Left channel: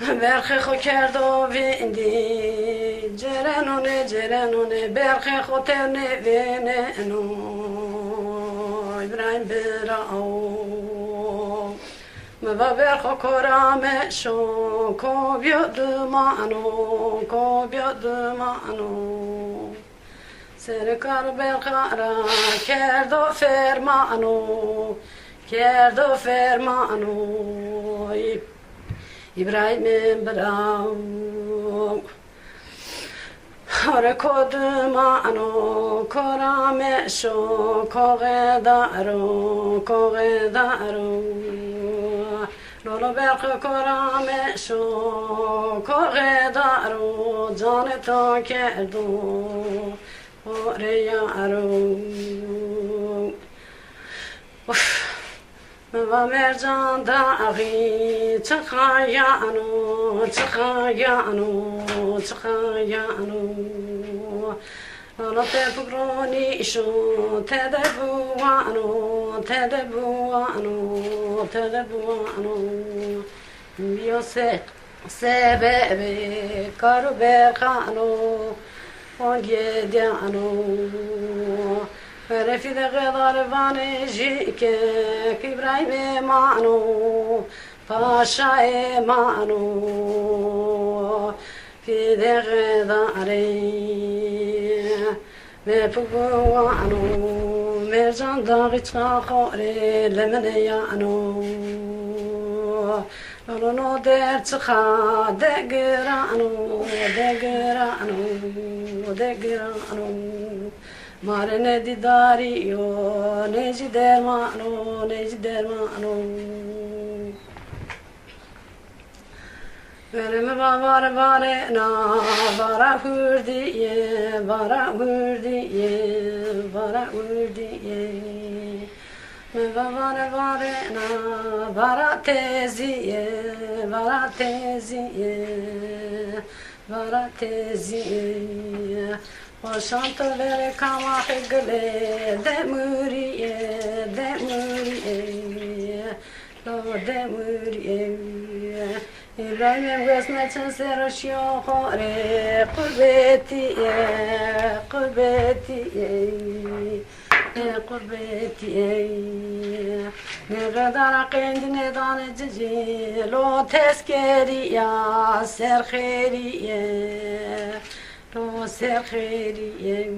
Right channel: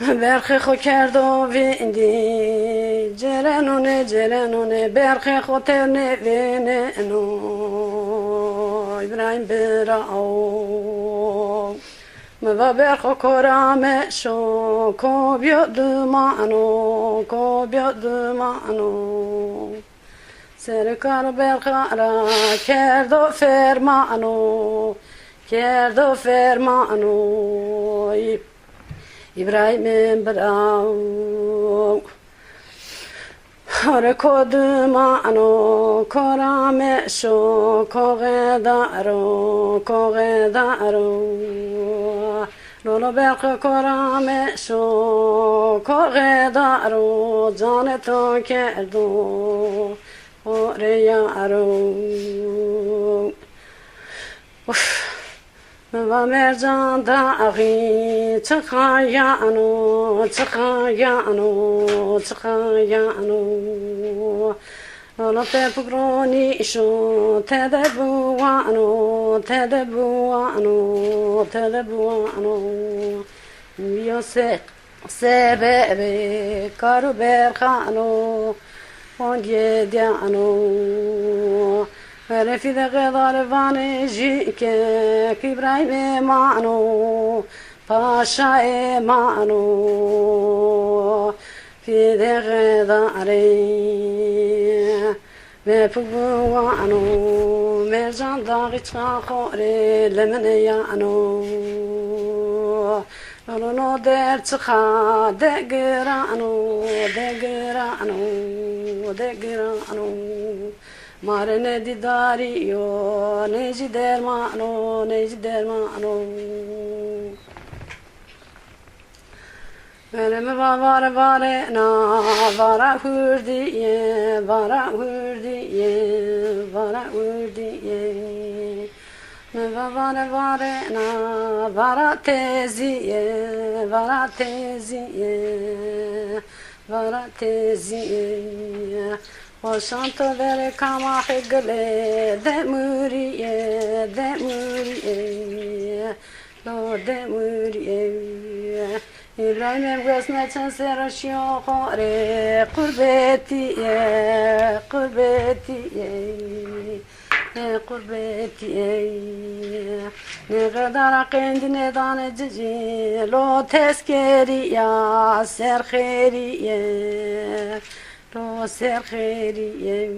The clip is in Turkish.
برخی خو کرد و ویندی جرنونه برخی خو ترنه ویننو ابراهیم براو موا برخو کرامه شو کو بیادمانو سرکار برخارا کرد و فرمانو İbrahim'in brau Hare kodumano korame sho kogedaro Lolo berke korame sho kogedaro Caneto kerdo oreyaro و مرجان داغی تخایانو لطف پگرانی شو تدبوانو بیا سبب کارو برخانو آنگه دیانو رفیق غضالوان جیکه کبرای مانو پاشای مانو فید غضالی مپوانو مرجان داغی چاخوری لمنیانو لولو در چخا دگرانو Mare ne didario, ne gidermano. Velime vare na, vara hurdiye. Me vare na, vara teziye. Oşanto vere kama hegele demuriye İbrahim'im gözmeçen serişiyor hore kurbetiye Ne kadar kendine danecici lo tezkeriya serheriye lo serheriye